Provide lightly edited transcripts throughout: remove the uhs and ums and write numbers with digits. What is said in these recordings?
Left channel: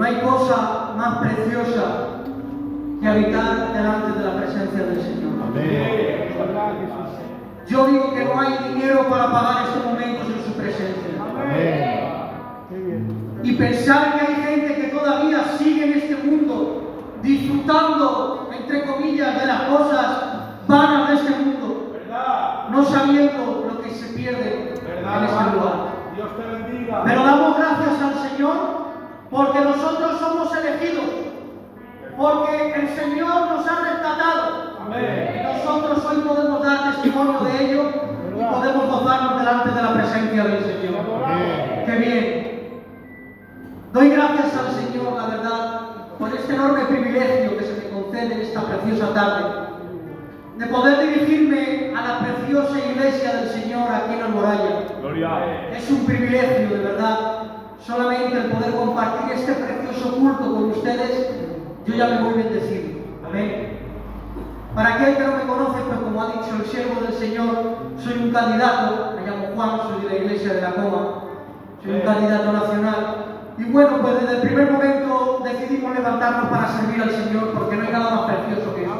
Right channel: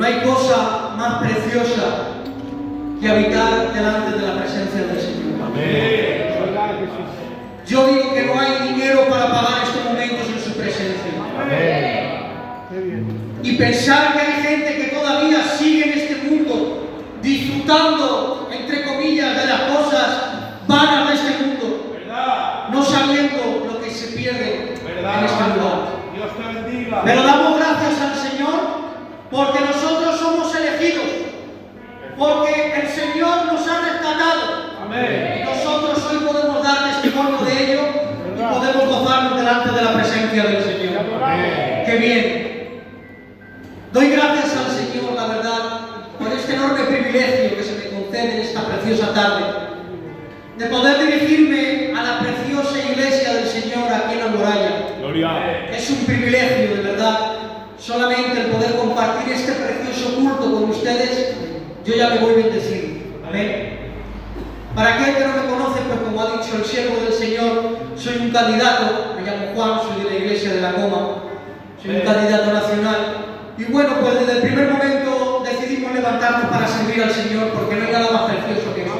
No hay cosa más preciosa que habitar delante de la presencia del Señor. Amén. Yo digo que no hay dinero para pagar estos momentos en su presencia. Amén. Y pensar que hay gente que todavía sigue en este mundo disfrutando, entre comillas, de las cosas vanas de este mundo, no sabiendo lo que se pierde en este lugar. Dios te bendiga. Pero damos gracias al Señor porque nosotros somos elegidos, porque el Señor nos ha rescatado. Amén. Y nosotros hoy podemos dar testimonio de ello y podemos gozarnos delante de la presencia del Señor. Amén. ¡Qué bien! Doy gracias al Señor, la verdad, por este enorme privilegio que se me concede en esta preciosa tarde, de poder dirigirme a la preciosa iglesia del Señor aquí en la muralla. Gloria. Es un privilegio, de verdad, solamente el poder compartir este precioso culto con ustedes, yo ya me voy bendecido. Amén. Para aquel que no me conoce, pues como ha dicho el siervo del Señor, soy un candidato, me llamo Juan, soy de la iglesia de la Coma, soy un candidato nacional. Y bueno, pues desde el primer momento decidimos levantarnos para servir al Señor, porque no hay nada más precioso que eso.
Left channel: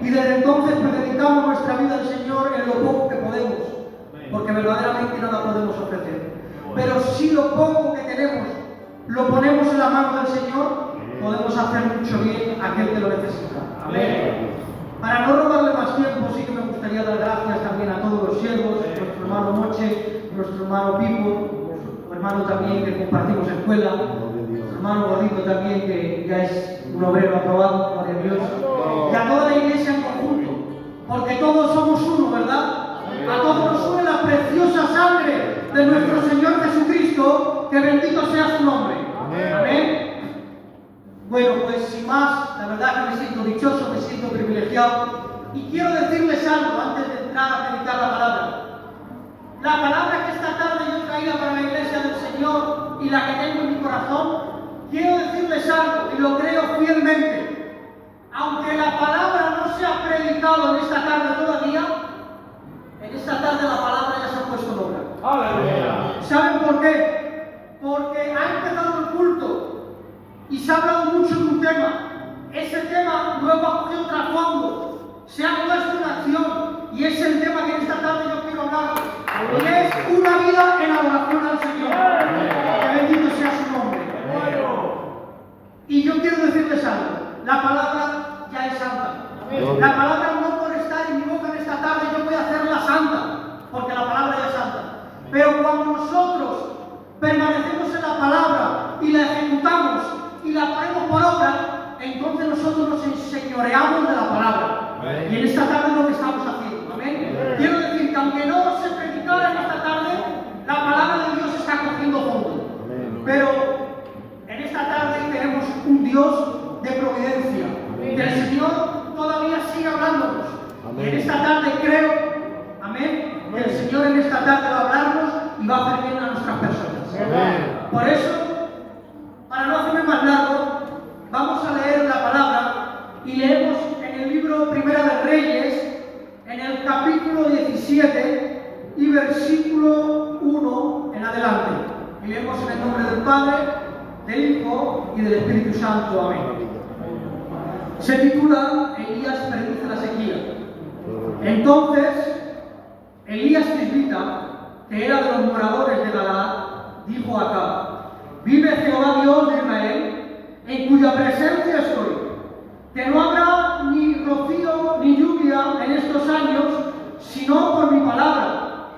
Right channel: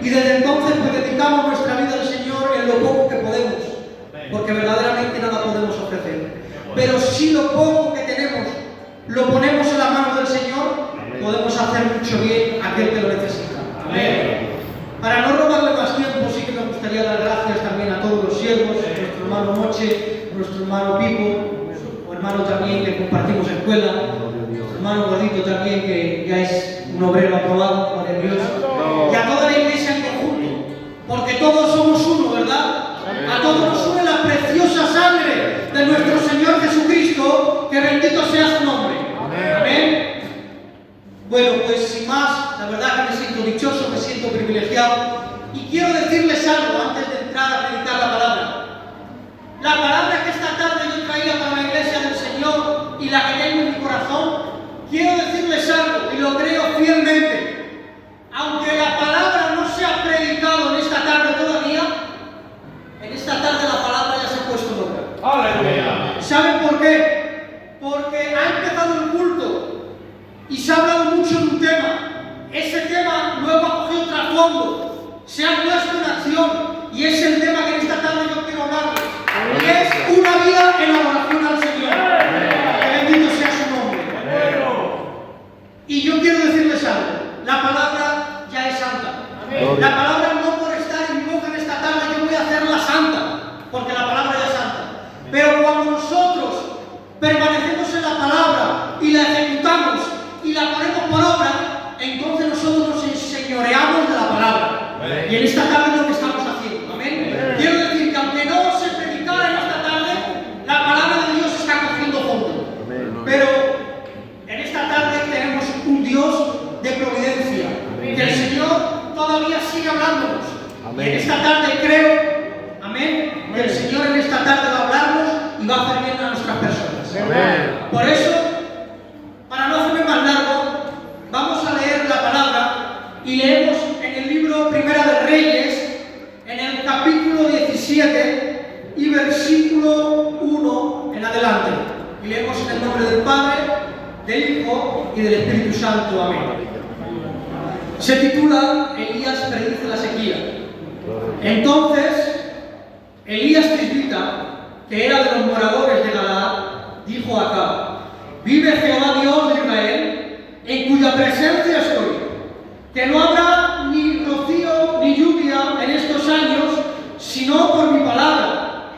Y desde entonces pues dedicamos nuestra vida al Señor en lo poco que podemos, porque verdaderamente nada podemos ofrecer. Pero si lo poco que tenemos lo ponemos en la mano del Señor, podemos hacer mucho bien a aquel que lo necesita. Amén. Para no robarle más tiempo, sí que me gustaría dar gracias también a todos los siervos, a nuestro hermano Moche, a nuestro hermano Pipo, hermano también que compartimos escuela, nuestro hermano Gordito también que ya es un obrero aprobado, gloria a Dios, y a toda la iglesia en conjunto, porque todos somos uno, ¿verdad? A todos nos une la preciosa sangre de nuestro Señor Jesucristo, que bendito sea su nombre. Amén. Bueno, pues sin más, la verdad que me siento dichoso, me siento privilegiado, y quiero decirles algo antes de entrar a predicar la palabra. La palabra que esta tarde yo traía para la iglesia del Señor y la que tengo en mi corazón, quiero decirles algo y lo creo fielmente. Aunque la palabra no se ha predicado en esta tarde todavía, en esta tarde la palabra ya se ha puesto en obra. Aleluya. ¿Saben por qué? Porque ha empezado el culto y se ha hablado mucho de un tema. Ese tema luego ha cogido trasfondo, se ha puesto en acción y es el tema que en esta tarde yo quiero hablarles. Y es una vida en adoración al Señor. Que bendito sea su nombre. Y yo quiero decirles algo. La palabra ya es santa. La palabra no por estar en mi boca en esta tarde yo voy a hacerla santa, porque la palabra ya es santa. Pero cuando nosotros permanecemos en la palabra y la ejecutamos y la ponemos por obra, entonces nosotros nos enseñoreamos de la palabra. Y en esta tarde es lo que estamos haciendo. Amén. Quiero decir que aunque no se predicara en esta tarde, la palabra de Dios está cogiendo fondo. Pero en esta tarde tenemos un Dios de providencia. Que el Señor todavía sigue hablándonos. Y en esta tarde creo, amén, que el Señor en esta tarde va a hablarnos y va a hacer bien a nuestras personas. Por eso, para no hacerme más largo, vamos a leer la palabra y leemos en el libro Primera de Reyes, en el capítulo 17 y versículo 1 en adelante. Y leemos en el nombre del Padre, del Hijo y del Espíritu Santo. Amén. Se titula Elías predice la sequía. Entonces, Elías Tisbita, que era de los moradores de Galaad, dijo a Acab: vive Jehová Dios de Israel, en cuya presencia estoy, que no habrá ni rocío ni lluvia en estos años, sino por mi palabra.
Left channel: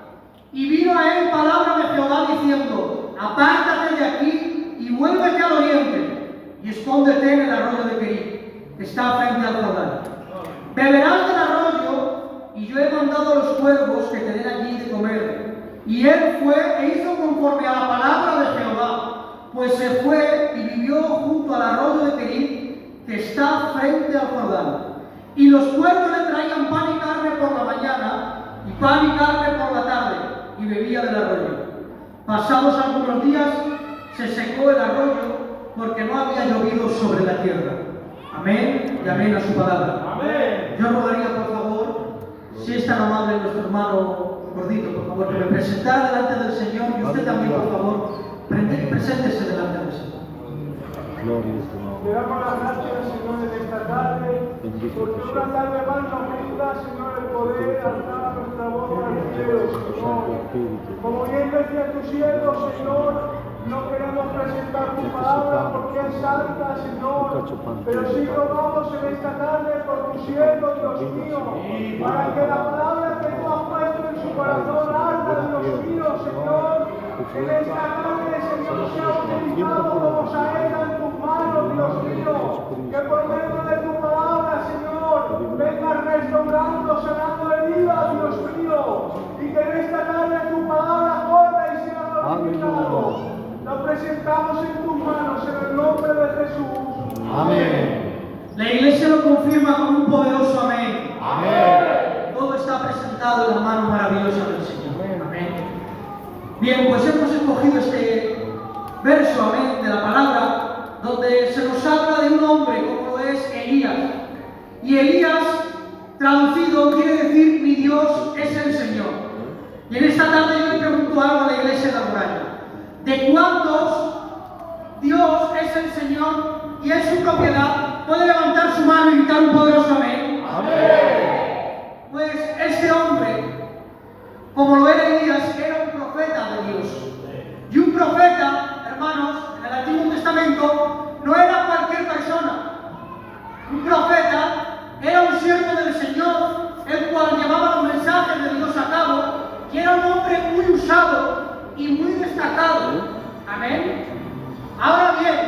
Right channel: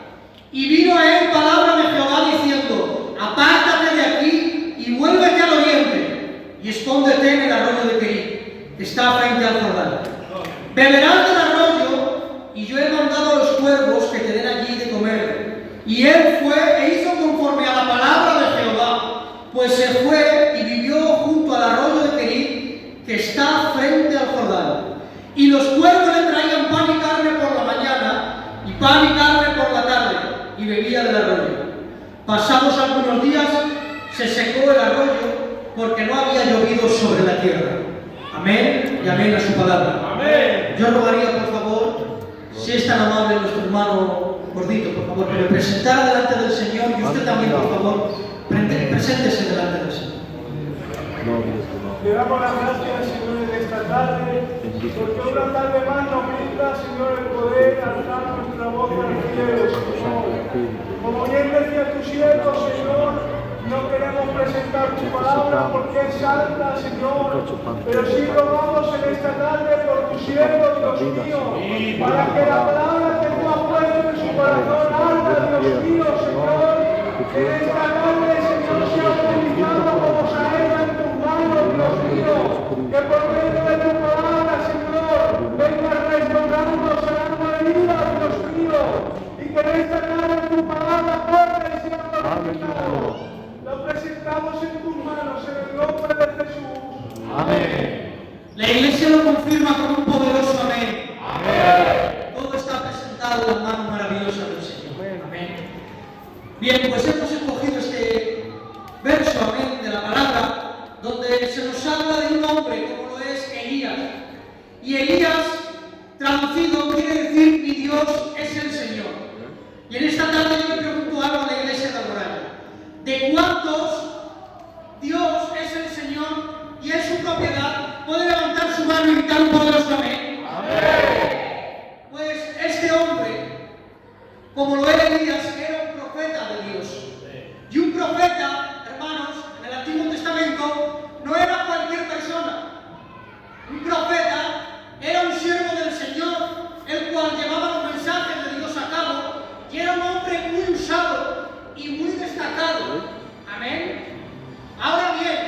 Y vino a él palabra de Jehová diciendo: apártate de aquí y vuélvete al oriente, y escóndete en el arroyo de Kerit, que está frente al Jordán. Beberás del arroyo, y yo he mandado a los cuervos que te den allí de comer. Y él fue e hizo conforme a la palabra de Jehová, pues se fue y vivió junto al arroyo de Kerit, que está frente al Jordán. Y los cuervos le traían pan y carne por la mañana, y pan y carne por la tarde, y bebía del arroyo. Pasados algunos días, se secó el arroyo, porque no había llovido sobre la tierra. Amén y amén a su palabra. Amén. Yo rogaría, por favor, si es tan amable nuestro hermano Gordito, por favor, que me presentara delante del Señor, y usted también, por favor, preséntese delante del Señor. Gloria a tu nombre. Te damos las gracias, Señor, en esta tarde. Porque una tarde más nos brinda, Señor, el poder alzar nuestra voz al cielo, Señor. Como bien decía tu siervo, Señor, no queremos presentar tu palabra porque es santa, Señor. Pero sí rogamos en esta tarde por tu siervo, Dios mío, para que la palabra que tú has puesto en su corazón arda, Dios mío, Señor. En esta tarde, Señor, sea utilizado como saeta en tus manos, Dios mío. Que por medio de tu palabra, Señor, venga restaurando, sanando heridas, Dios mío. Y que en esta tarde tu palabra corra y sea glorificado. Lo presentamos en tus manos, en el nombre de Jesús. Amén. La iglesia lo confirma con un poderoso amén. Amén. Todo está presentado en las manos maravillosas del Señor. Amén. Bien, pues hemos escogido este verso, amén, de la palabra, donde se nos habla de un hombre como lo es Elías. Y Elías, traducido, quiere decir mi Dios es el Señor. Y en esta tarde yo le pregunto algo a la iglesia de la muralla. ¿De cuántos Dios es el Señor y es su propiedad? ¿Puede levantar su mano y gritar un poderoso amén? Amén. Pues este hombre, como lo era Elías, era un profeta de Dios. Y un profeta, hermanos, en el Antiguo Testamento, no era cualquier persona. Un profeta era un siervo del Señor, el cual llevaba los mensajes de Dios a cabo, y era un hombre muy usado y muy destacado. Amén. Ahora bien,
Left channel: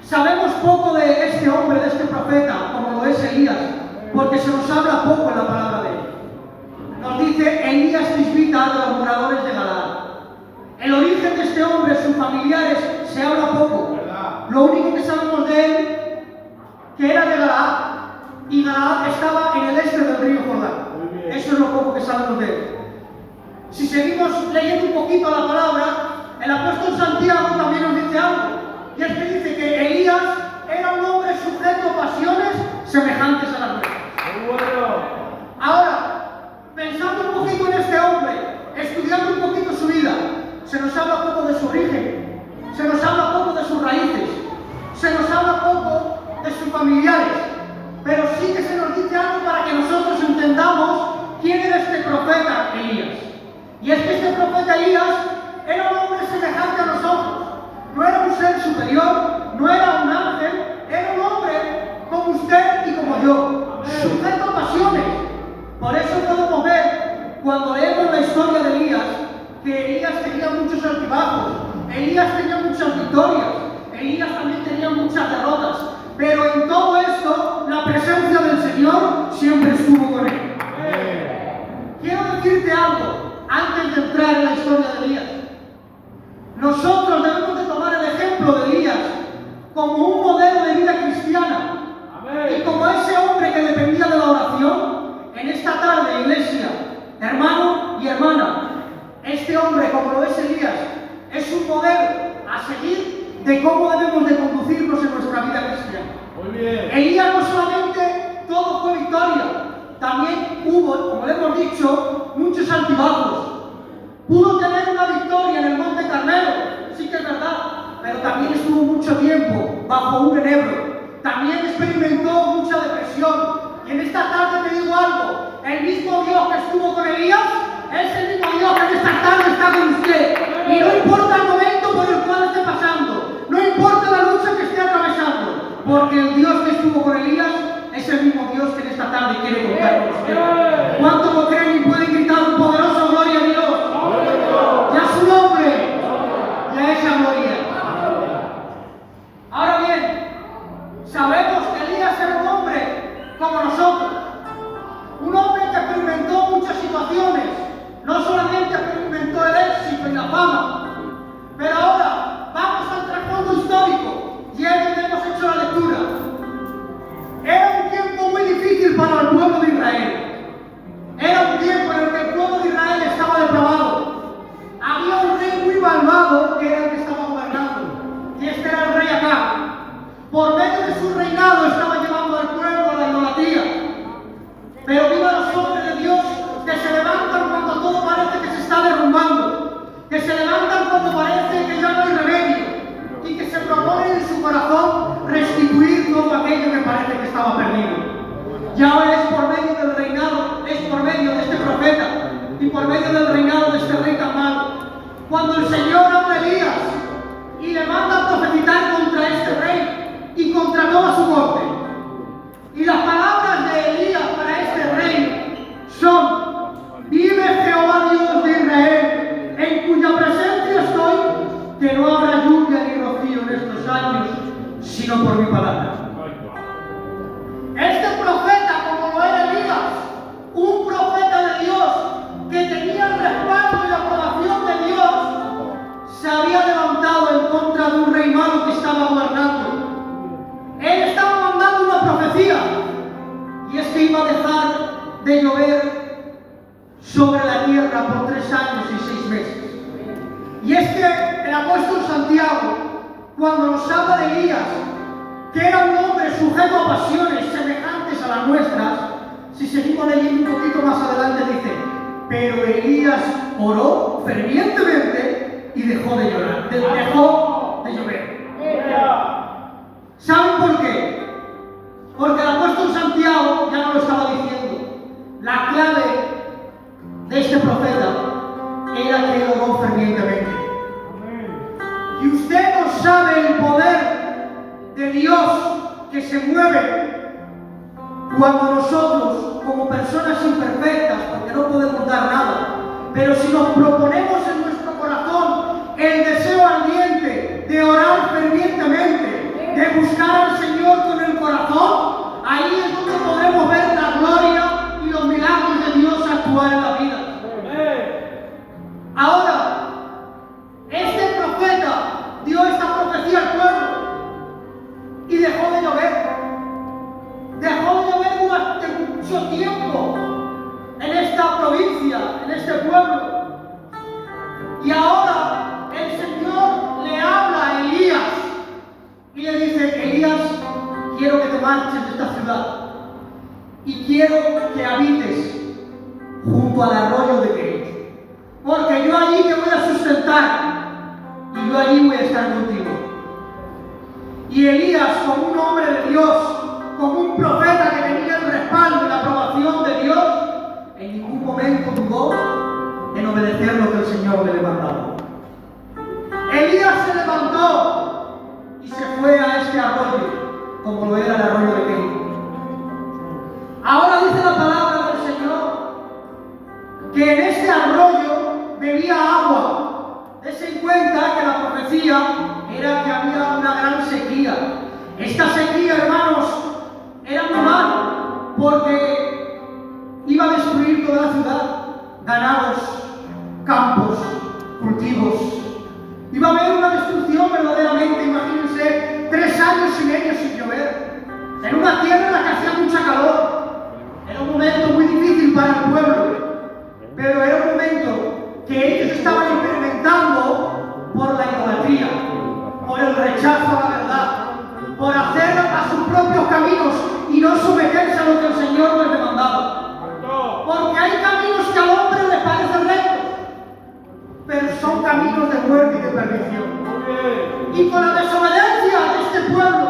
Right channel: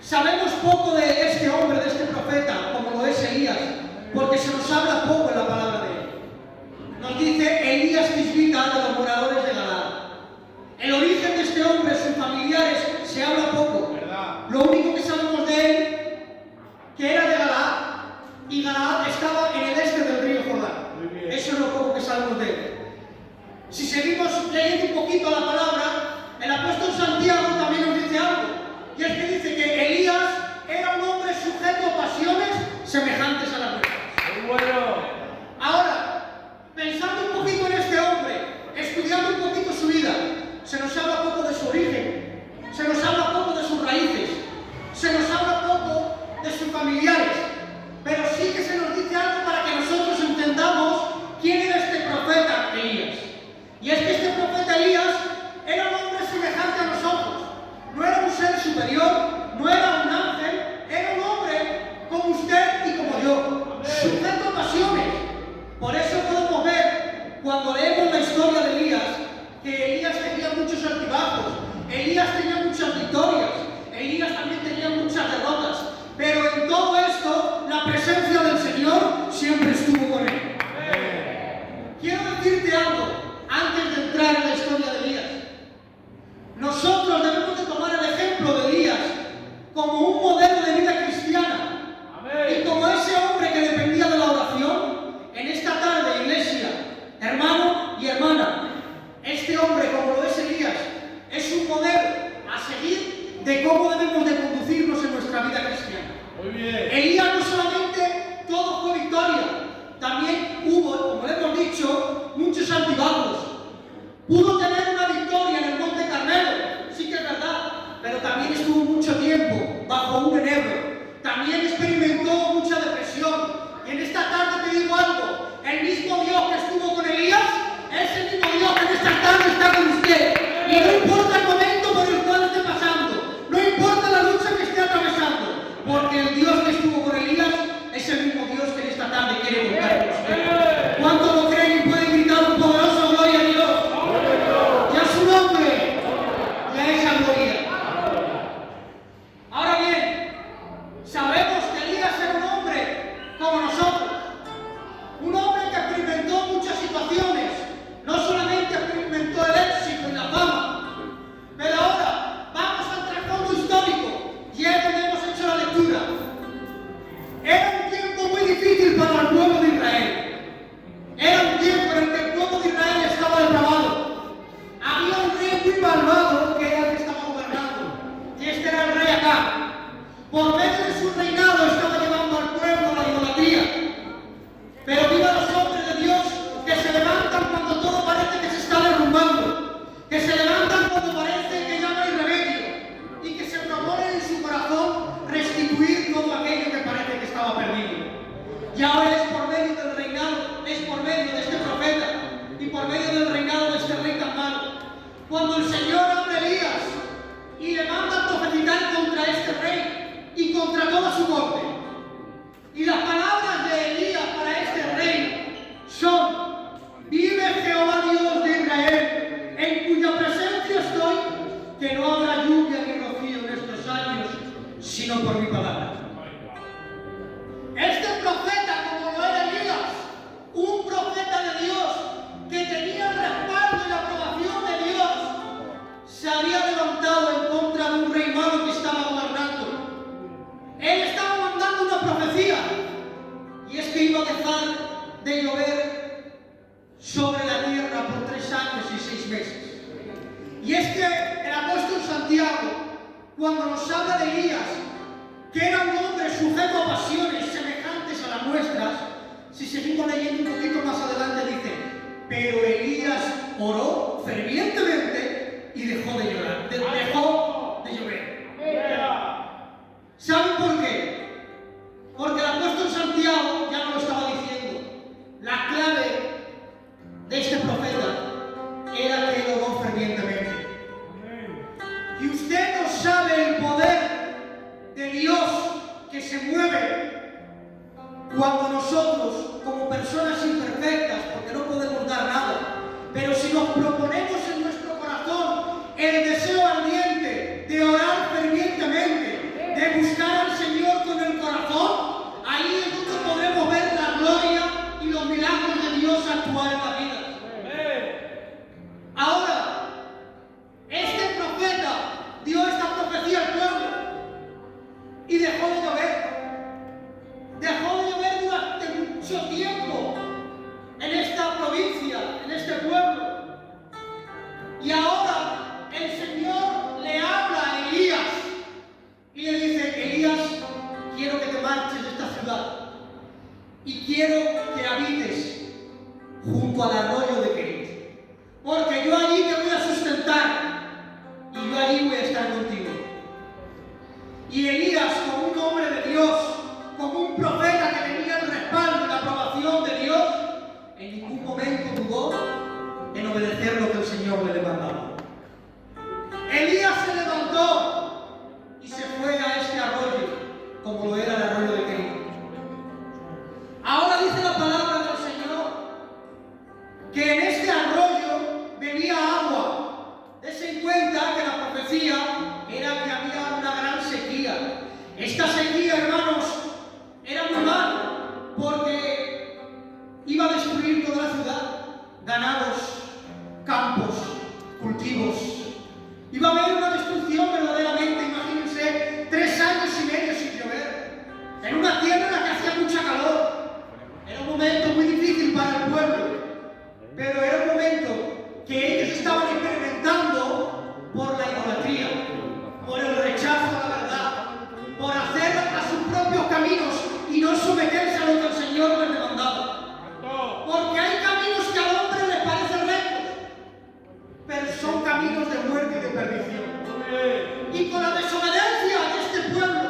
sabemos poco de este hombre, de este profeta, como lo es Elías, porque se nos habla poco en la palabra de él. Nos dice Elías tisbita de los moradores de Galaad. El origen de este hombre, sus familiares, se habla poco. Lo único que sabemos de él, que era de Galaad, y Galaad estaba en el este del río Jordán. Eso es lo poco que sabemos de él. Si seguimos leyendo un poquito la palabra, el apóstol Santiago también nos dice algo. Y es que dice que Elías era un hombre sujeto a pasiones semejantes a las nuestras. Muy bueno. Ahora, pensando un poquito en este hombre, estudiando un poquito su vida, se nos habla poco de su origen, se nos habla poco de sus raíces, se nos habla poco de sus familiares, pero sí que se nos dice algo para que nosotros entendamos quién era este profeta Elías. Y es que este profeta Elías era un hombre semejante a nosotros. No era un ser superior, no era un ángel, era un hombre como usted y como yo, sujeto a pasiones. Por eso podemos ver, cuando leemos la historia de Elías, que Elías tenía muchos altibajos, Elías tenía muchas victorias, Elías también tenía muchas derrotas, pero en todo esto, la presencia del Señor siempre estuvo con él. Quiero decirte algo antes de entrar en la historia de Elías. Nosotros debemos de tomar el ejemplo de Elías como un modelo de vida cristiana. Y como ese hombre que dependía de la oración, en esta tarde, iglesia, hermano y hermana, este hombre, como lo es Elías, es un modelo a seguir de cómo debemos de conducirnos en nuestra vida cristiana. Muy bien. Elías no solamente todo fue victoria, también hubo, como le hemos dicho, muchos altibajos. Pudo tener una victoria en el Monte Carmelo, sí que es verdad, pero también estuvo mucho tiempo bajo un enebro. También experimentó mucha depresión. Y en esta tarde te digo algo, el mismo Dios que estuvo con Elías es el mismo Dios que en esta tarde está con usted. Y no importa el momento por el cual esté pasando, no importa la lucha que esté atravesando, porque el Dios que estuvo con Elías es el mismo Dios que en esta tarde quiere contar con usted. ¿Cuántos lo creen y pueden gritar un poderoso gloria a Dios? Y a su nombre, y a esa gloria. Ahora bien, sabemos que Elías era un hombre como nosotros, un hombre que experimentó muchas situaciones, no solamente experimentó el éxito y la fama, pero ahora vamos al trasfondo histórico y es donde hemos hecho la lectura. Era un tiempo muy difícil para el pueblo de Israel. manda a profetizar contra este rey y contra toda su corte. Y las palabras de Elías para este rey son: vive Jehová Dios de Israel, en cuya presencia estoy, que no habrá lluvia ni rocío en estos años, sino por mi palabra. Este profeta, como lo era Elías, un profeta de Dios, que tenía el respaldo y la aprobación de Dios, se había levantado en contra de un rey malo que estaba gobernando. Él estaba mandando una profecía, y es que iba a dejar de llover sobre la tierra por 3 años y 6 meses. Y es que el apóstol Santiago, cuando nos habla de Elías, que era un hombre sujeto a pasiones semejantes a las nuestras, si seguimos leyendo un poquito más adelante dice: pero Elías oró fervientemente y dejó de llorar, dejó de llover. ¿Saben por qué? Porque el apóstol Santiago ya no lo estaba diciendo. La clave de este profeta era que él oró fervientemente. Y usted no sabe el poder de Dios que se mueve cuando nosotros, como personas imperfectas, porque no podemos dar nada, pero si nos proponemos en nuestro corazón el deseo ardiente de orar fervientemente, de buscar al Señor con el corazón, ahí es donde podremos ver la gloria y los milagros de Dios actuar en la vida. Ahora, este profeta dio esta profecía al pueblo y dejó de llover. Dejó de llover durante mucho tiempo en esta provincia, en este pueblo. Y ahora el Señor le habla a Elías y le dice: Elías, quiero que te marches de esta ciudad y quiero que habites junto al arroyo de Kerit, porque yo allí te voy a sustentar y yo allí voy a estar contigo. Y Elías, como un hombre de Dios, como un profeta que tenía el respaldo y la aprobación de Dios, en ningún momento dudó en obedecer lo que el Señor le mandaba. Elías se levantó y se fue a este arroyo, como lo era el arroyo de Kerit. Ahora dice la palabra del Señor que en este arroyo bebía agua. Dense en cuenta que la profecía era que había una gran sequía. Esta sequía, hermanos, era muy mala, porque iba a destruir toda la ciudad, ganados, campos, cultivos. Iba a haber una destrucción verdaderamente. Imagínense 3 años y medio sin llover, en una tierra en la que hacía mucha calor. Era un momento muy difícil para el pueblo, pero era un momento que ellos estaban experimentando por la idolatría, por el rechazo a la verdad, por hacer a sus propios caminos y no someterse a lo que el Señor les demandaba. Porque hay caminos que al hombre le parecen rectos, pero son caminos de muerte y de perdición. Y con la desobediencia de este pueblo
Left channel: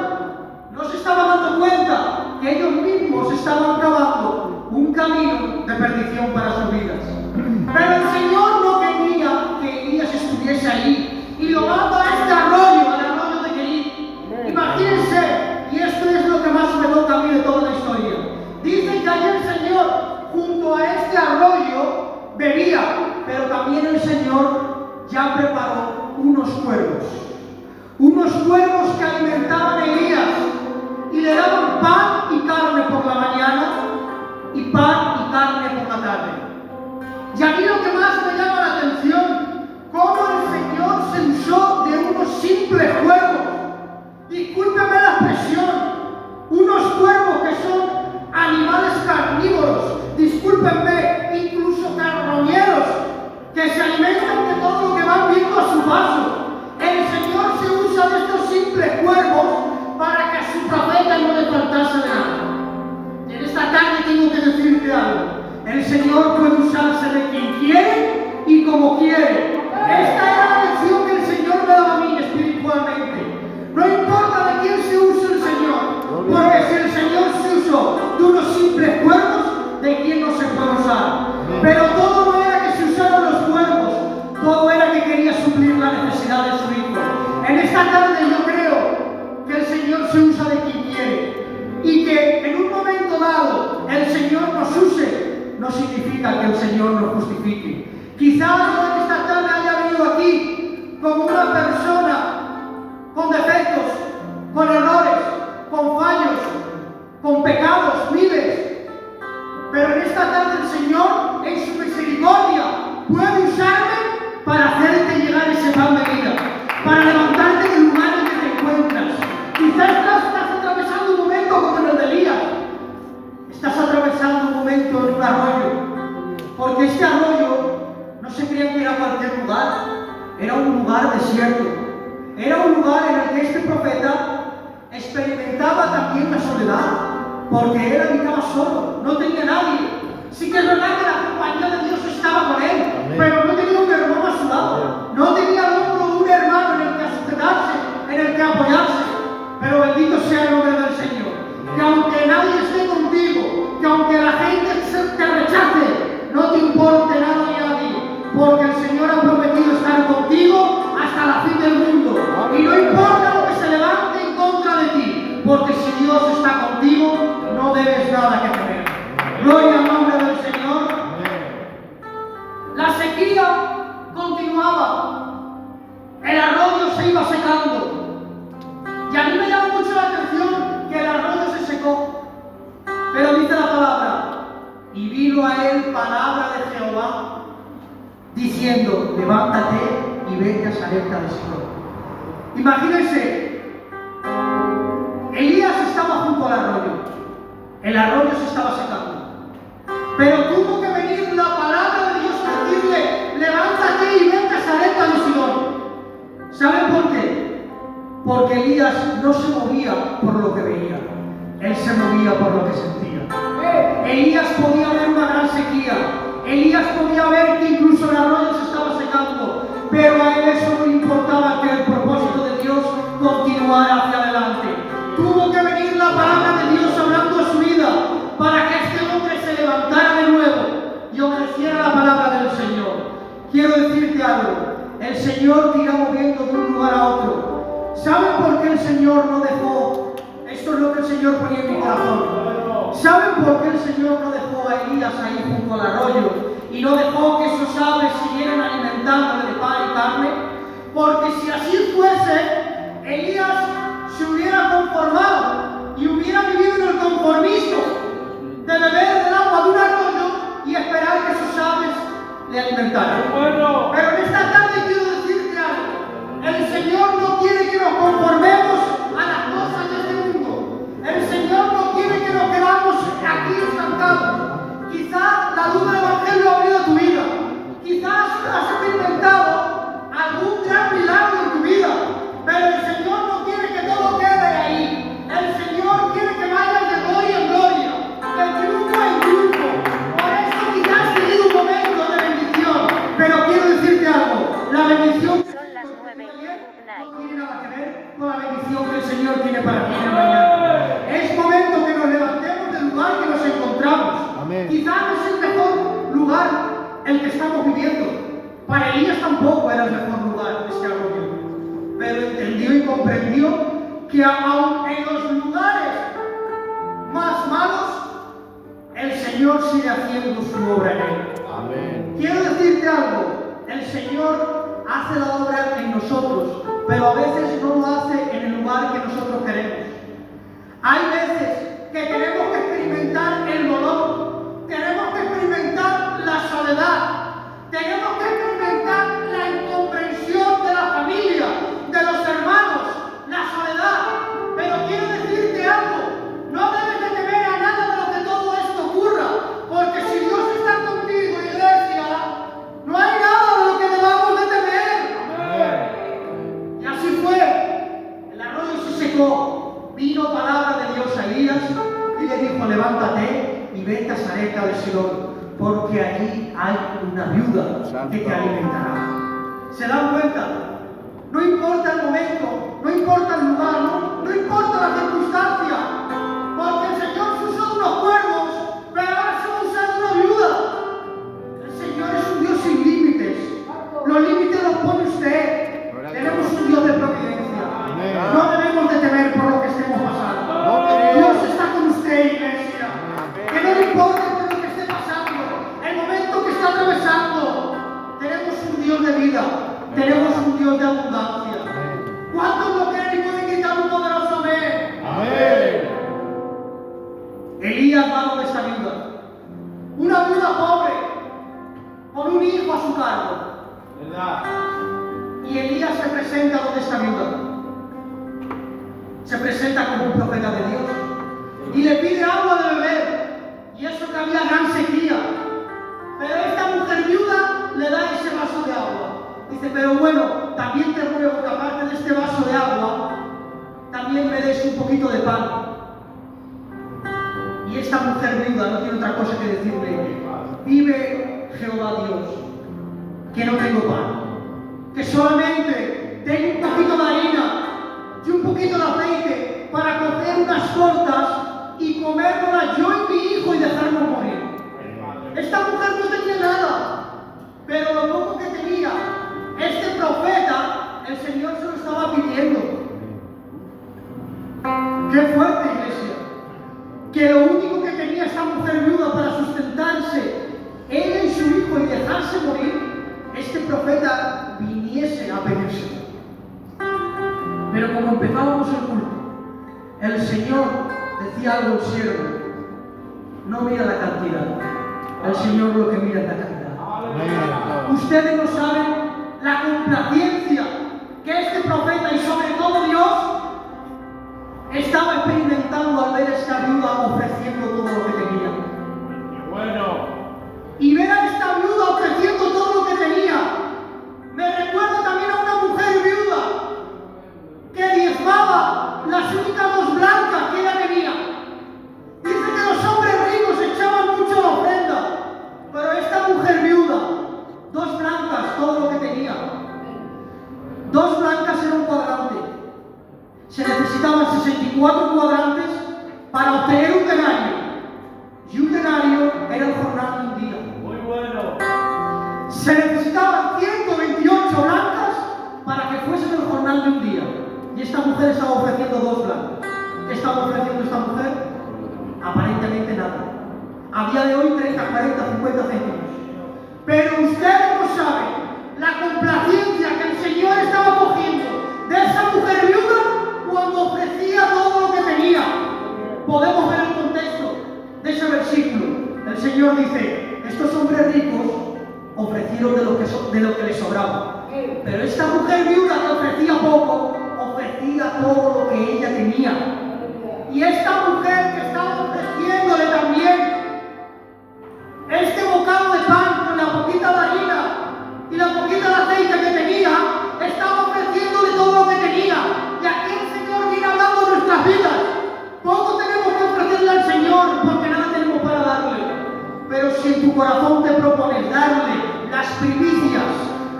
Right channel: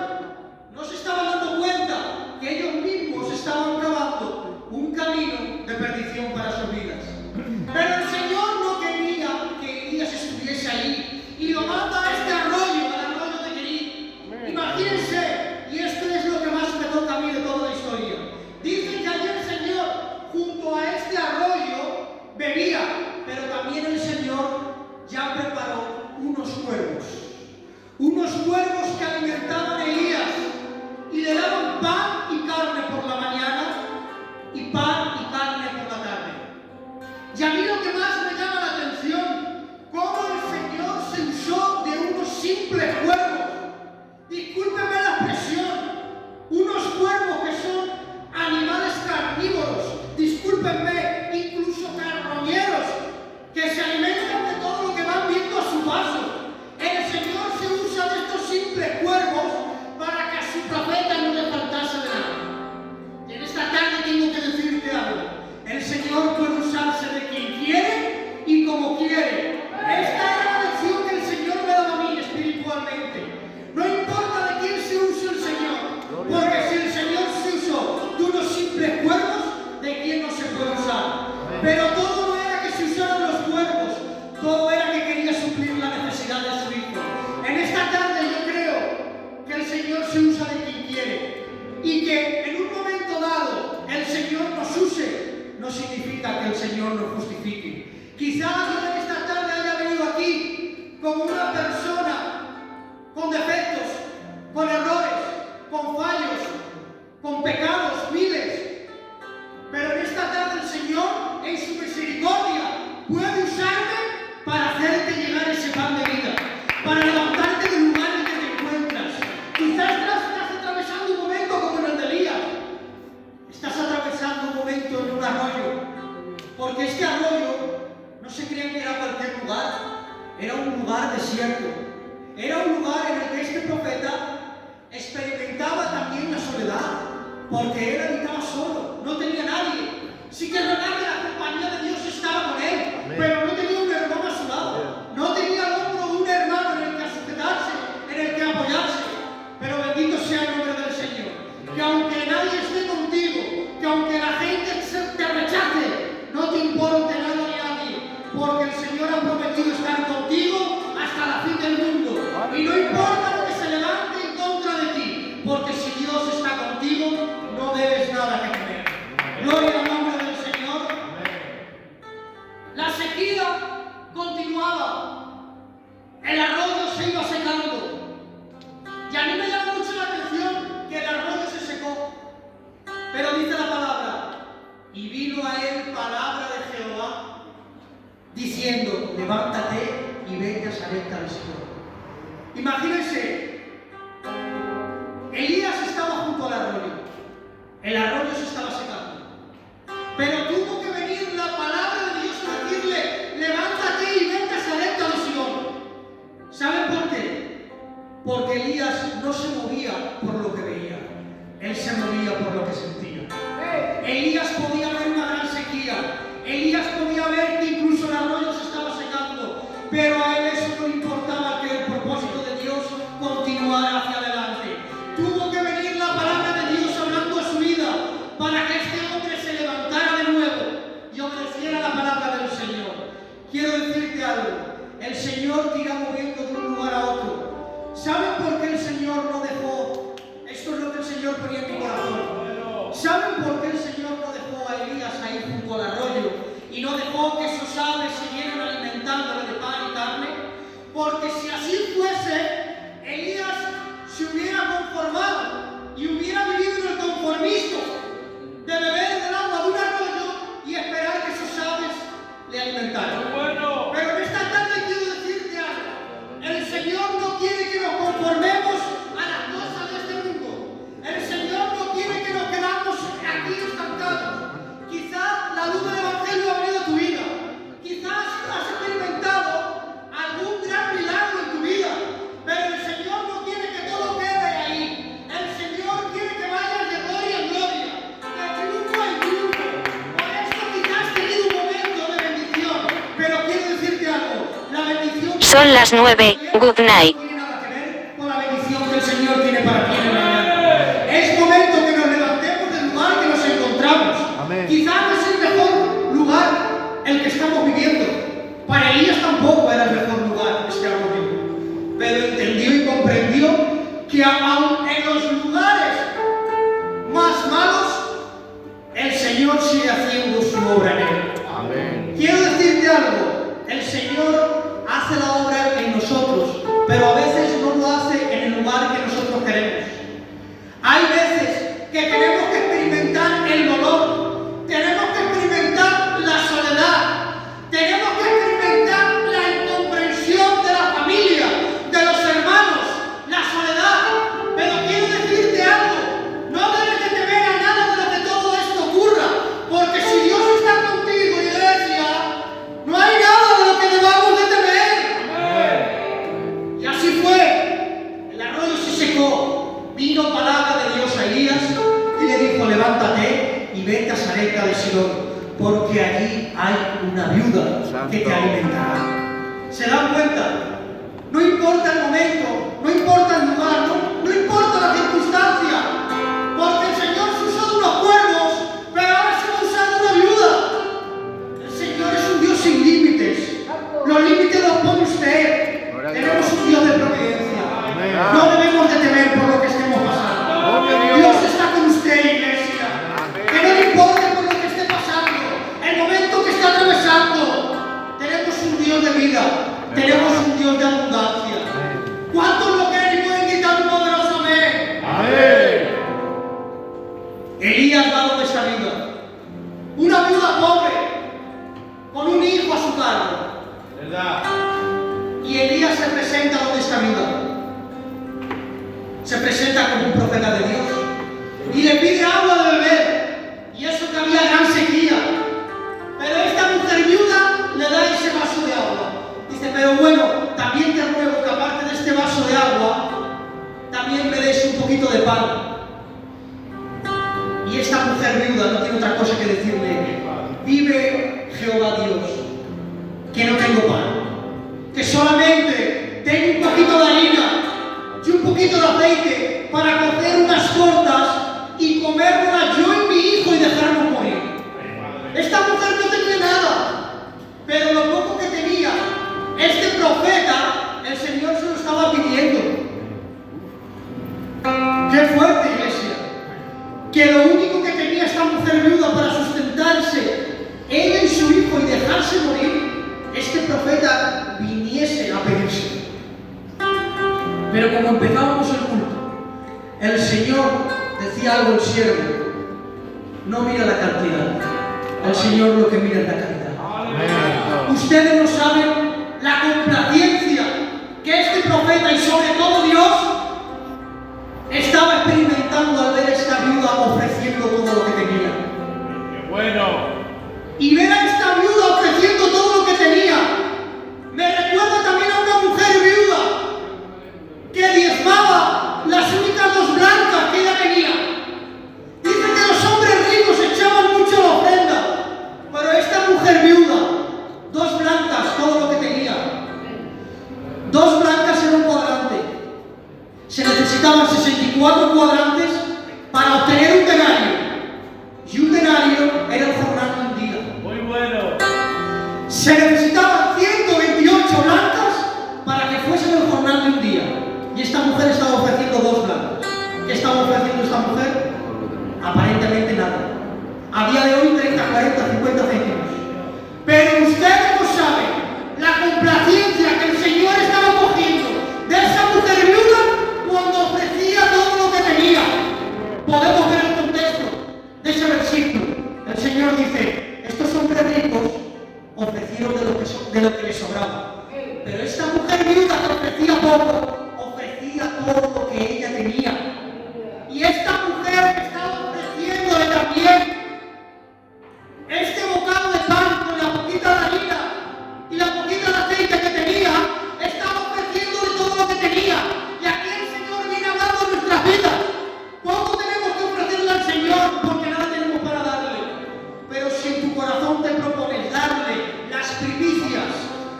no se estaban dando cuenta que ellos mismos estaban cavando un camino de perdición para sus vidas. Pero el Señor no quería que Elías estuviese ahí y lo manda a este arroyo, al arroyo de Kerit. Imagínense, y esto es lo que más me toca a mí de toda la historia. Dice que allí el Señor, junto a este arroyo, bebía, pero también el Señor ya preparó unos cuervos que alimentaban a Elías y le daban pan y carne por la mañana y pan y carne por la tarde. Y a mí lo que más me llama la atención, cómo el Señor se usó de unos simples cuervos. Discúlpenme la expresión, unos cuervos que son animales carnívoros, discúlpenme, incluso carroñeros, que se alimentan de todo lo que van viendo a su paso. El Señor se usa de estos simples cuervos esta tarde yo creo que el Señor se usa de quien quiere y que en un momento dado el Señor nos use no significa que el Señor nos justifique. Quizás yo en esta tarde haya venido aquí como una persona con defectos, con errores, con fallos, con pecados miles, pero en esta tarde el Señor en su misericordia puede usarme para hacerte llegar ese pan de vida, para levantarte del lugar en que te encuentras. Quizás estás atravesando un momento como en el de Elías. Estás atravesando un momento en un arroyo, porque este arroyo no se creía que era cualquier lugar, era un lugar desierto, era un lugar en el que este profeta experimentaba también la soledad, porque él habitaba solo, no tenía nadie. Sí que es verdad que la compañía de Dios estaba con él, pero no tenía un hermano a su lado, no tenía al hombro de un hermano en el que sujetarse, en el que apoyarse. Pero bendito sea el nombre del Señor, que aunque nadie esté contigo, que aunque la gente te rechace, no te importe nada ni nadie, porque el Señor ha prometido estar contigo hasta la fin del mundo. Y no importa lo que se levante en contra de ti, porque si Dios está contigo, no debes nada que temer. Gloria al nombre del Señor. La sequía continuaba, el arroyo se iba secando. Y a mí me llama mucho la atención que el arroyo se secó. Pero dice la palabra, y vino a él palabra de Jehová, diciendo, levántate y vete a Sarepta de Sidón. Imagínense, Elías estaba junto al arroyo, el arroyo se estaba secando, pero tuvo que venir la palabra de Dios a decirle, levántate y vete a Sarepta de Sidón. ¿Saben por qué? Porque Elías no se movía por lo que veía, él se movía por lo que sentía. Elías podía ver una gran sequía, Elías podía ver que incluso el arroyo se estaba secando, pero a él eso no importaba, que el propósito de Dios continuara hacia adelante. Tuvo que venir la palabra de Dios hablando a su vida para que este hombre se levantara de nuevo y obedeciera la palabra del Señor. Quiero decirte algo, el Señor te irá moviendo de un lugar a otro. ¿Saben por qué el Señor no dejó? Esto es lo que el Señor ponía en mi corazón. ¿Saben por qué el Señor no dejó a Elías ahí junto al arroyo y no dejó que esos aves siguieran alimentándole de pan y carne? Porque si así fuese, Elías se hubiera conformado y hubiera vivido en el conformismo de beber del agua de un arroyo y esperar que sus aves le alimentaran. Pero en esta tarde quiero decirte algo, el Señor no quiere que nos conformemos a las cosas de este mundo. El Señor no quiere que nos quedamos aquí estancados. Quizás la luz del Evangelio ha venido a tu vida. Quizás has experimentado algún gran milagro en tu vida. Pero el Señor no quiere que todo quede ahí. El Señor quiere que vayas de gloria en gloria, de triunfo en triunfo. Por eso quizás has tenido un momento de bendición. Pero quiero decirte algo. La bendición... Son las 9. Good night. No tiene nada que ver con la bendición que el Señor tiene para ti en la mañana. Es momento que nos levantemos del lugar que nos encontramos. Amén. Quizás no es el mejor lugar el que estamos viviendo. Para Elías tampoco era el mejor lugar este arroyo. Pero entendió y comprendió que aun en los lugares más malos, el Señor sigue haciendo su obra en él. Amén. Quiero decirte algo, el Señor hace la obra en nosotros, pero a veces no lo hace en el lugar que nosotros queremos. Hay veces que tenemos que experimentar el dolor, tenemos que experimentar la soledad, tenemos que experimentar la incomprensión de la familia, de los hermanos, la soledad. Pero quiero decirte algo, no debes de temer a nada de lo que todo esto ocurra, porque si Dios está contigo, iglesia, no hay nada de lo que debamos de temer. Y así fue, el arroyo se secó, vino palabra de Dios a Elías y le dijo, levántate y vete a Sarepta de Sidón, porque allí hay una viuda que te alimentará. ¿Se dan cuenta? No importa el momento, no importa el lugar, no importa la circunstancia, porque el Señor se usó de unos cuervos, pero ahora se va a usar de una viuda. El Señor es un Dios sin límites. Los límites los pone usted. Tenemos un Dios de providencia. este vaso de agua, también me des un poquito de pan. Y esta mujer viuda no tiene otra cosa que decirle: vive Jehová Dios, que no tengo pan, que solamente tengo un poquito de harina y un poquito de aceite para cocer unas tortas y comérnoslas yo y mi hijo y dejarnos morir. Esta mujer no tenía nada, pero lo poco que tenía, este profeta, el Señor se lo estaba pidiendo. ¡Qué fuerte, iglesia! Que lo único que tenía esta mujer viuda para sustentarse, ella y su hijo, y dejarse morir, este profeta viniese a pedirse. Pero como empezábamos el culto, el Señor decía algo al siervo: no mira la cantidad, el Señor lo que mira es la calidad. Ustedes no saben la complacencia que este profeta y sobre todo Dios estaba experimentando al ver a esta viuda ofreciendo todo lo que tenía. Y ver a esta viuda ofreciendo todo lo que tenía me recuerda también a una mujer viuda que diezmaba las únicas 2 blancas que ella tenía. Dice que los hombres ricos echaban mucho la ofrenda, pero esta mujer viuda, 2 blancas, todo lo que tenía. 2 blancas en un cuadrante. Se necesitaban 64 cuadrantes para obtener un denario. Y un denario era el jornal de un día. Muy bueno. Se necesitaban 128 blancas para que fuesen el jornal de un día. Y esta mujer estaba ofreciendo 2 blancas. ¿Qué estaba ofreciendo esta mujer? Aparentemente nada. A día de hoy 30, 40, 50 céntimos. Pero ustedes no saben la complacencia que el Señor estaba cogiendo de esa mujer viuda cuando ofrecía todo lo que tenía. Podemos ver el contexto de ese versículo. El Señor dice: estos hombres ricos ofrecieron de lo que les sobraba. Pero esta mujer viuda que ofrecía poco, ofrecía todo lo que ella tenía. Y esta mujer que estaba ofreciéndole también este bocado de pan con la poquita de harina y la poquita de aceite que tenía, estaba ofreciéndole todo lo que tenía. Y aquí el Señor viene hablando de nuestras vidas. Poco tenemos que ofrecerle al Señor porque nada tenemos para darle. Pero si en tu corazón te propones darle las primicias,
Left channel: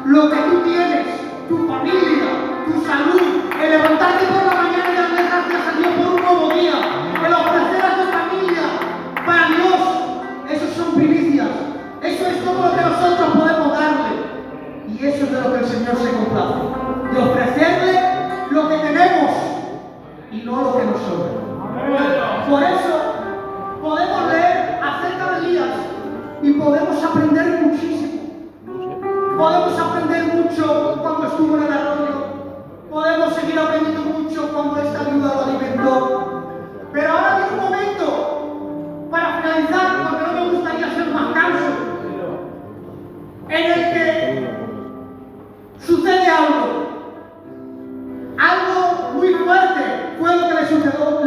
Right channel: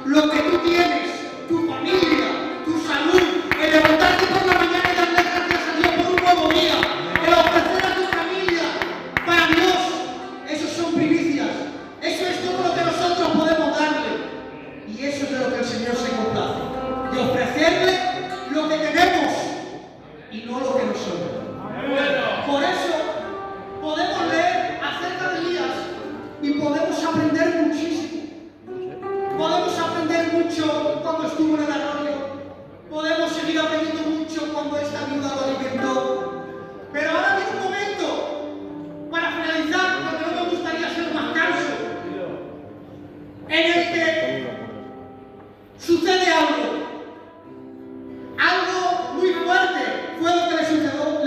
lo que tú tienes, tu familia, tu salud, el levantarte por la mañana y darle gracias a Dios por un nuevo día, el ofrecer a tu familia para Dios, esos son primicias. Eso es todo lo que nosotros podemos darle. Y eso es de lo que el Señor se complace, de ofrecerle lo que tenemos y no lo que nos sobra. Por eso podemos leer acerca de Elías y podemos aprender muchísimo. Podemos aprender mucho cuando estuvo en el arroyo. Podemos seguir aprendiendo mucho cuando esta viuda lo alimentó. Pero ahora viene un momento para finalizar, porque no me gustaría ser más canso, en el que sucede algo. Algo muy fuerte fue lo que le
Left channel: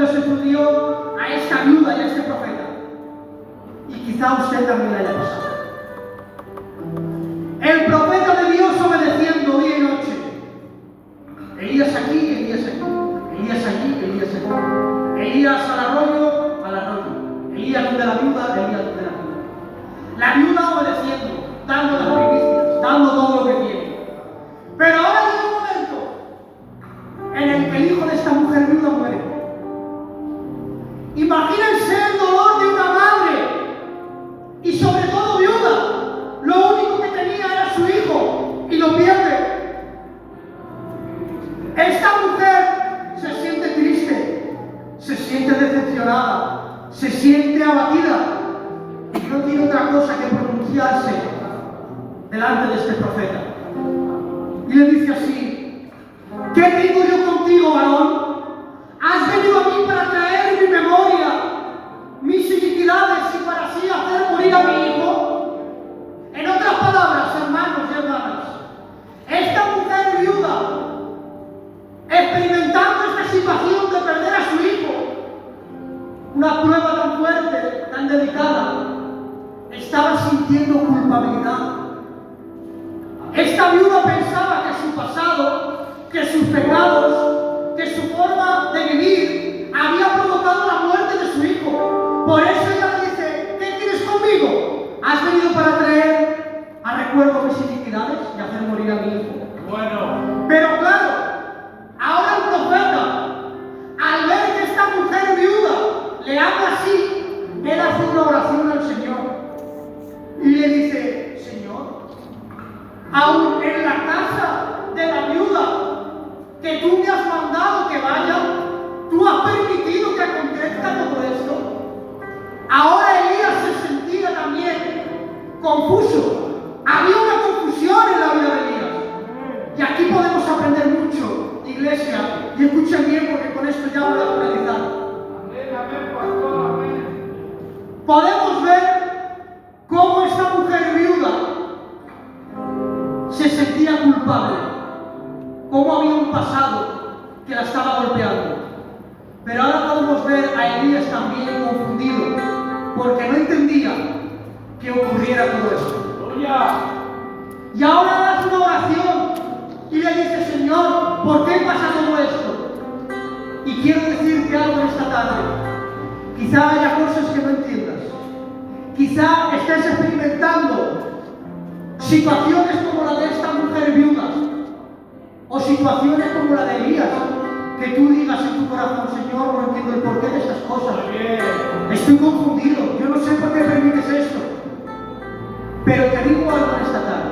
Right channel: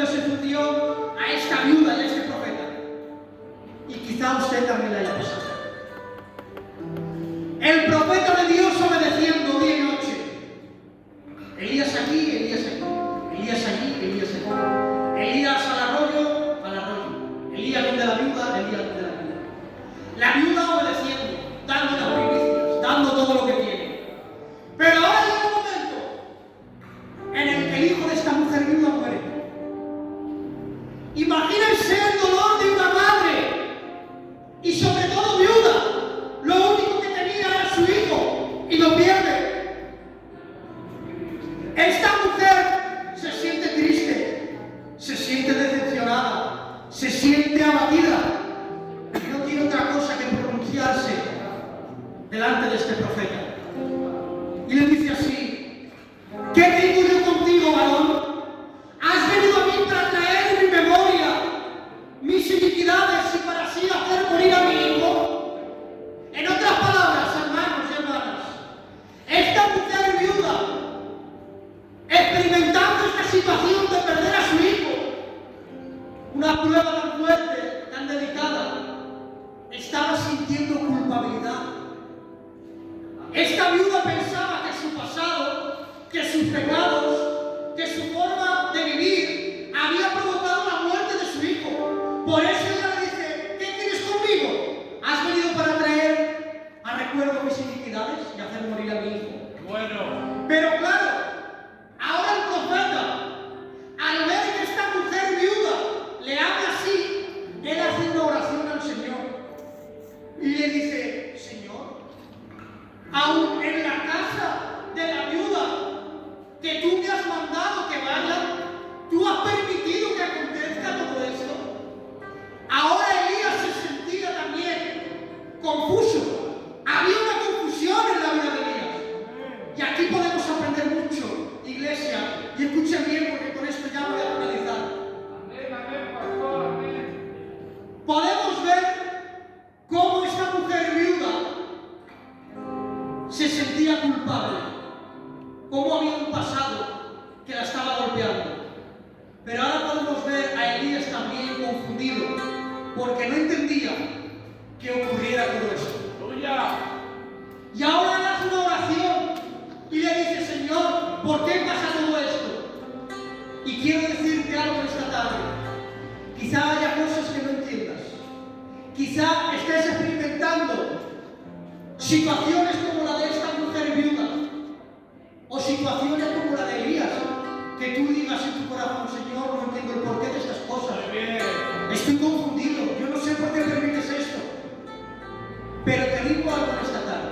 sucedió a esta viuda y a este profeta. Y quizá a usted también le haya pasado. El profeta de Dios obedeciendo día y noche. Elías aquí, Elías aquí. Elías allí, Elías aquí. Elías al arroyo, al arroyo. Elías donde la viuda, Elías donde la viuda. La viuda obedeciendo, dando las primicias, dando todo lo que tiene. Pero ahora llega un momento en el que el hijo de esta mujer viuda muere. Imagínense el dolor de una madre y sobre todo viuda. Lo único que tenía era su hijo y lo pierde. Esta mujer se siente triste, se siente decepcionada, se siente abatida y no tiene otra cosa que pronunciarse delante de este profeta. Y le dice así: ¿qué tengo yo contigo, varón? ¿Has venido a mí para traer en mi memoria mis iniquidades y para así hacer morir a mi hijo? En otras palabras, hermanos y hermanas, esta mujer viuda, experimentando esta situación de perder a su hijo, una prueba tan fuerte, tan delicada, estaba sintiendo culpabilidad. Esta viuda pensaba que su pasado que sus pecados, que su forma de vivir había provocado la muerte de su hijo. Por eso ella le dice, ¿qué tienes conmigo? ¿Has venido para traer a recuerdo mis iniquidades y hacer morir a mi hijo? Bueno. Pero claro, ahora el profeta, al ver que esta mujer viuda le habla así, él hace una oración al Señor y le dice, Señor, aún en la casa de la viuda que tú me has mandado que vaya, tú has permitido que acontezca todo esto. Ahora Elías se sentía también confuso. Había una confusión en la vida de Elías. Y aquí podemos aprender mucho, iglesia, y escuchen bien porque con esto ya voy a finalizar. Amén, amén, pastor, amén. Podemos ver cómo esta mujer viuda se sentía culpable, cómo había un pasado que la estaba golpeando. Pero ahora podemos ver a Elías también confundido, porque no entendía que ocurriera todo esto. ¡Aleluya! Y ahora hace una oración y le dice, Señor, ¿por qué pasa todo esto? Y quiero decirte algo esta tarde. Quizá haya cosas que no entiendas. Quizá estés experimentando situaciones como la de esta mujer viuda, o situaciones como la de Elías, que tú digas en tu corazón, Señor, no entiendo el porqué de estas cosas. Estoy confundido, yo no sé por qué permites esto. Pero te digo algo en esta tarde.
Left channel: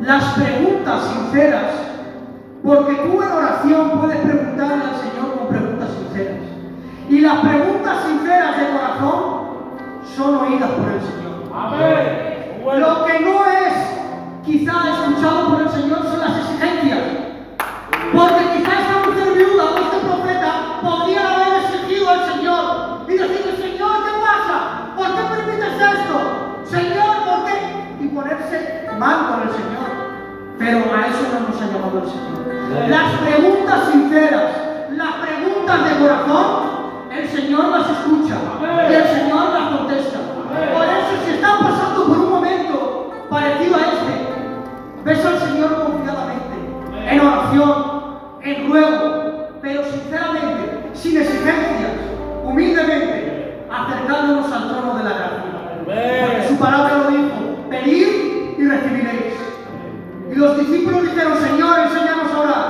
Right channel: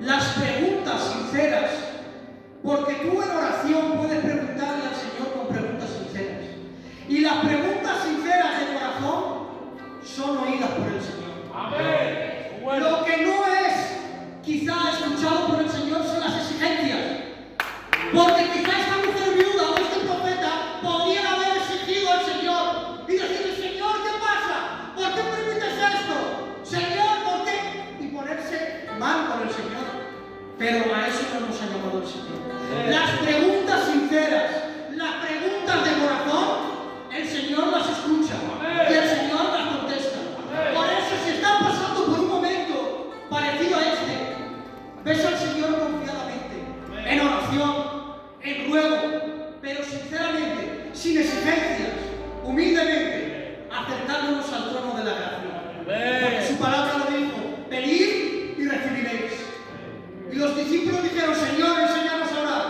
Las preguntas sinceras, porque tú en oración puedes preguntarle al Señor con preguntas sinceras. Y las preguntas sinceras de corazón son oídas por el Señor. Amén. Bueno. Lo que no es quizá escuchado por el Señor son las exigencias. Porque quizá esta mujer viuda o este profeta podría haber exigido al Señor y decirle, Señor, ¿qué pasa? ¿Por qué permites esto? Señor, ¿por qué? Y ponerse mal con el Señor. Pero a eso no nos ha llamado el Señor. Las preguntas sinceras, las preguntas de corazón, el Señor las escucha y el Señor las contesta. Por eso, si están pasando por un momento parecido a este, ves al Señor confiadamente, en oración, en ruego, pero sinceramente, sin exigencias, humildemente, acercándonos al trono de la gracia. Porque su palabra lo dijo, pedid y recibiréis. Y los discípulos dijeron, Señor, enséñanos a orar.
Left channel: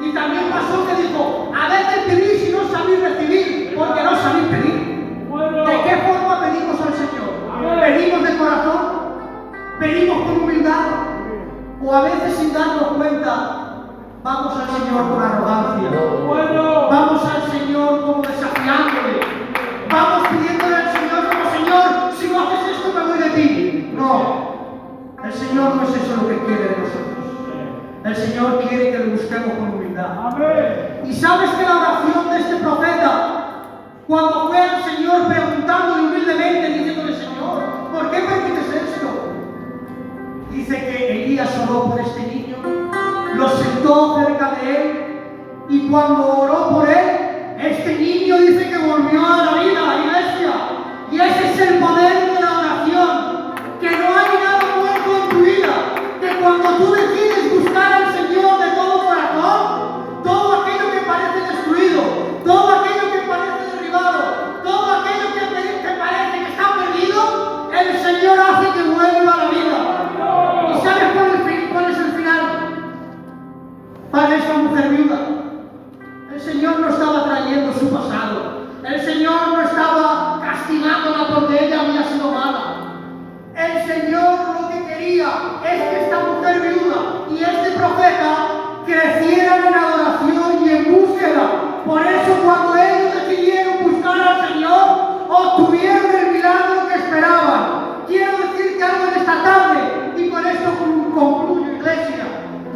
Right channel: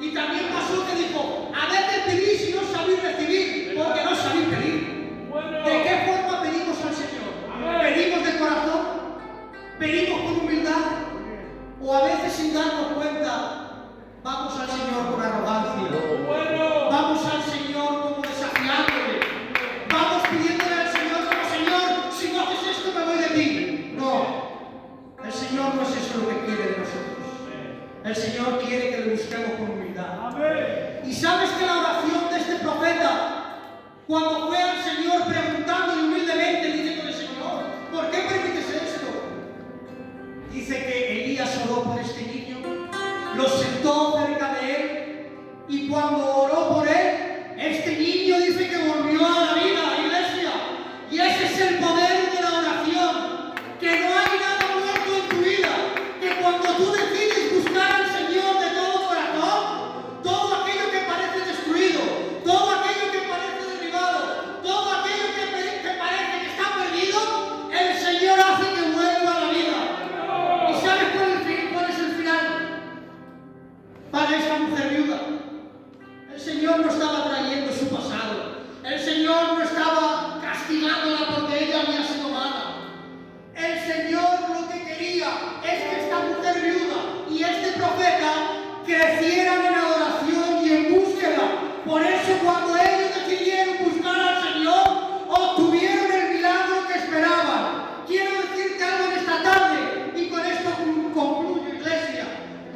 Y también pasó que dijo, a veces pedís y no sabéis recibir, porque no sabéis pedir. ¿De qué forma pedimos al Señor? ¿Pedimos de corazón? ¿Pedimos con humildad? ¿O a veces sin darnos cuenta vamos al Señor con arrogancia? Vamos al Señor como desafiándole. Vamos pidiéndole al Señor como, Señor, si no haces esto me voy de ti. No, el Señor no es eso lo que quiere de nosotros. El Señor quiere que le busquemos con humildad. Amén. Y sabes que la oración de este profeta, cuando fue al Señor preguntándole humildemente, diciéndole, Señor, ¿por qué permites esto? Dice que Elías oró por este niño, lo sentó cerca de él, y cuando oró por él, este niño dice que volvió a la vida, iglesia. Y ese es el poder de la oración, que no hay nada muerto en tu vida, que cuando tú decides buscar al Señor de todo corazón, todo aquello que parece destruido, todo aquello que parece derribado, todo aquello que parece que está perdido, el Señor hace que vuelva a la vida. ¿Y sabes cuál es el final para esta mujer viuda? El Señor no estaba trayendo su pasado. El Señor no estaba castigándola porque ella había sido mala. El Señor lo que quería es que esta mujer viuda y este profeta crecieran en adoración y en búsqueda. Por eso cuando ellos decidieron buscar al Señor, obtuvieron el milagro que esperaban. Quiero decirte algo en esta tarde y con esto concluyo, iglesia.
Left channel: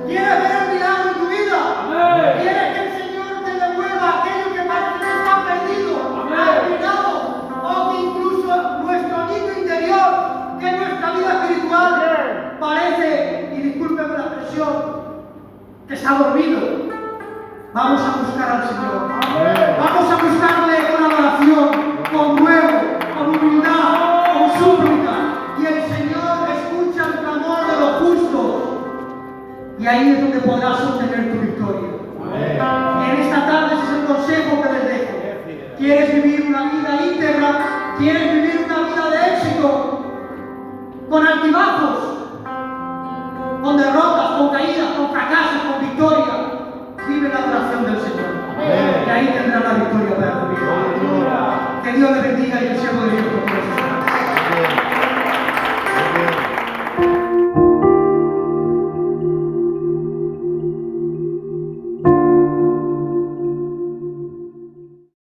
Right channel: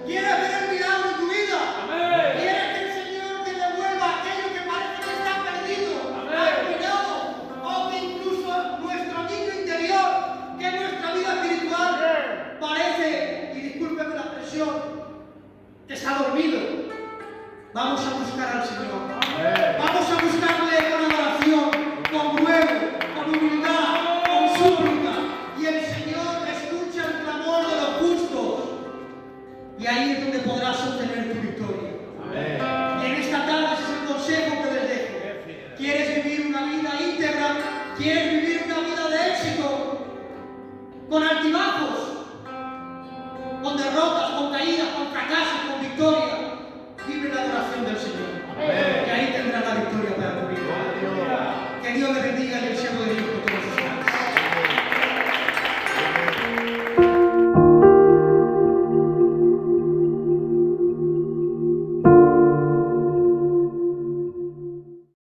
¿Quieres ver el milagro en tu vida? Amén. ¿Quieres que el Señor te devuelva aquello que parece que está perdido, arruinado, o que incluso nuestro niño interior, que nuestra vida espiritual parece, y discúlpeme la expresión, que se ha dormido? Vamos a buscar al Señor. Vamos a buscarle con adoración, con ruego, con humildad, con súplica. Y el Señor escucha el clamor de los justos. Y ahí es donde podrás obtener tu victoria. Y en esta tarde ese es el consejo que les dejo. ¿Quieres vivir una vida íntegra? ¿Quieres vivir una vida de éxito? Con altibajos, con derrotas, con caídas, con fracasos, con victoria. Vive la adoración del Señor. Y ahí tendrás la victoria para tu vida. Que Dios le bendiga y el siervo